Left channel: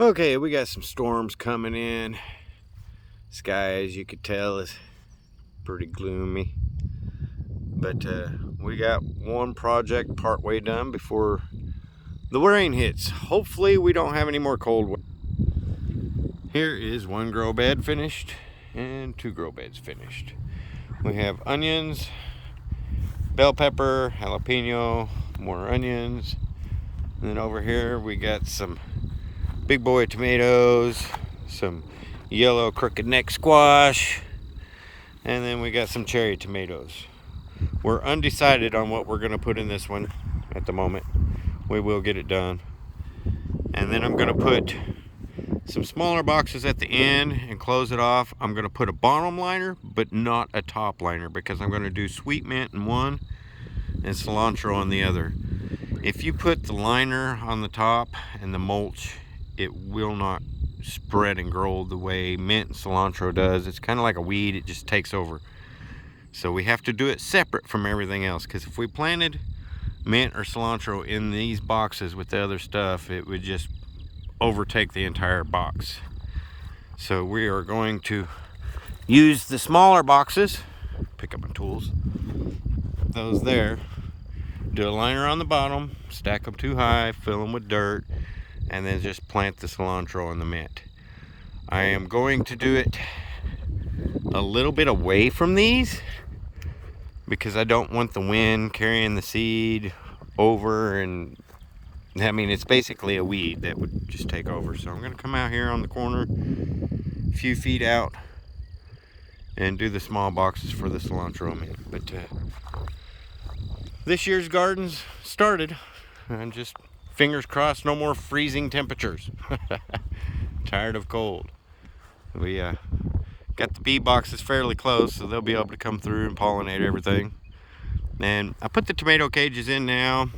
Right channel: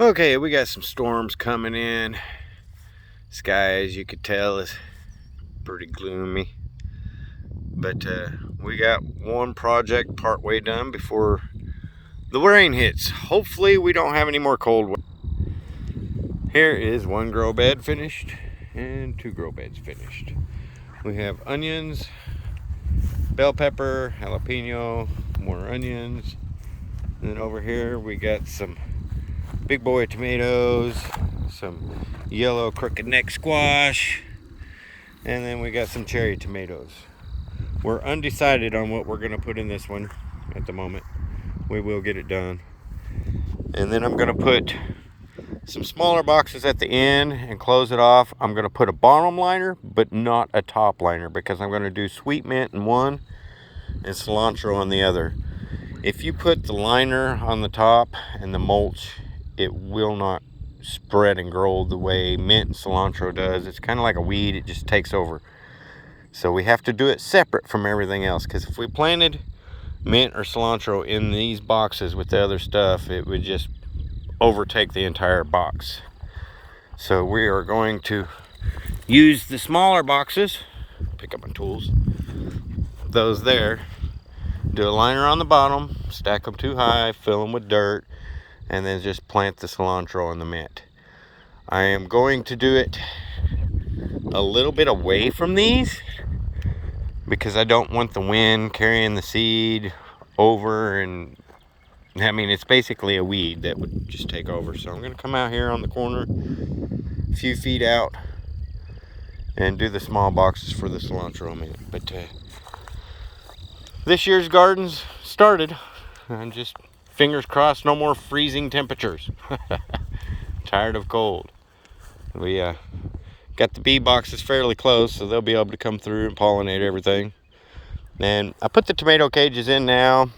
Okay, we got some storms coming in. Sky, as you could tell, is pretty gloomy. But we got one project partway done before the rain hits. Hopefully we don't have any more cold weather. Here is one grow bed finished and two grow beds finished. We have onions, bell pepper, jalapeno, more onions. And then over here we got some big boy tomatoes, some yellow crooked neck squash, and then we got some cherry tomatoes. We're undecided on what we're going to put in this one at the moment. We will get it done. And then I'm going to put some smaller boxes at the end and close it off. I'm going to put a bottom liner, but not a top liner, because I'm going to do sweet mint in one and cilantro on the other. If you put the liner on the top and the mulch, it will not spread and grow the way mint and cilantro does. It's kind of like a weed, it just takes over. So we have to do it separate from everything else, because if we planted mint or cilantro in these boxes with the other stuff, it would just overtake the entire box. So we are going to use the smaller boxes, pick up my tools, those there, do a liner on the bottom, stack them too high, fill them with dirt, and then just plant the cilantro and the mint. I am going to do it a little bit away from these because I don't want the wind carrying the seed over, and I mean, it's basically a weed that would just take over. So I'm going to come out here on the corner a few feet out and do the small boxes for the cilantro mint. But this year's garden's started. I'm just fingers crossed no more freezing temperatures. Tired of cold. We got the bee boxes fairly close, so they'll be able to come through and pollinate everything. And I put the tomato cages in now,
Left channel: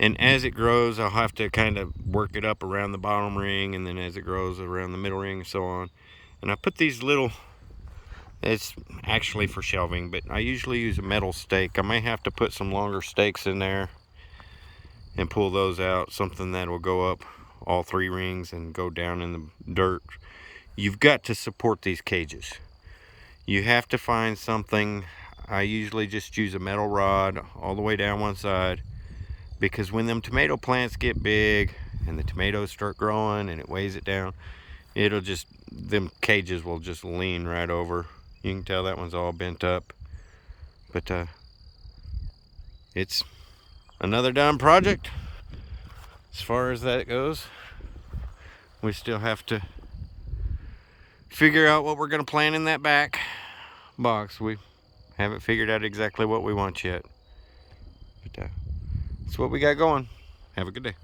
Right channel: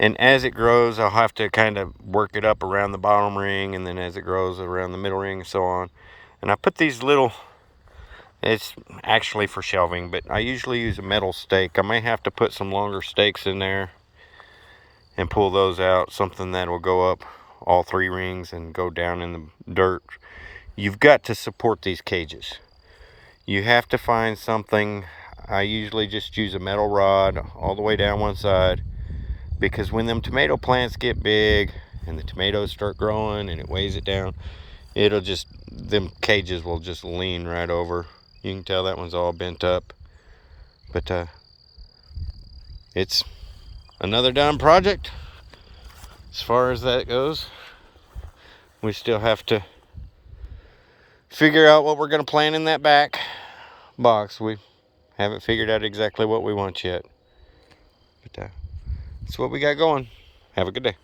and as it grows I'll have to kind of work it up around the bottom ring, and then as it grows around the middle ring and so on. And I put these little, it's actually for shelving, but I usually use a metal stake. I may have to put some longer stakes in there and pull those out, something that will go up all three rings and go down in the dirt. You've got to support these cages. You have to find something. I usually just use a metal rod all the way down one side, because when them tomato plants get big and the tomatoes start growing and it weighs it down, it'll just, them cages will just lean right over. You can tell that one's all bent up. But it's another done project as far as that goes. We still have to figure out what we're going to plant in that back box. We haven't figured out exactly what we want yet. But that's what we got going. Have a good day.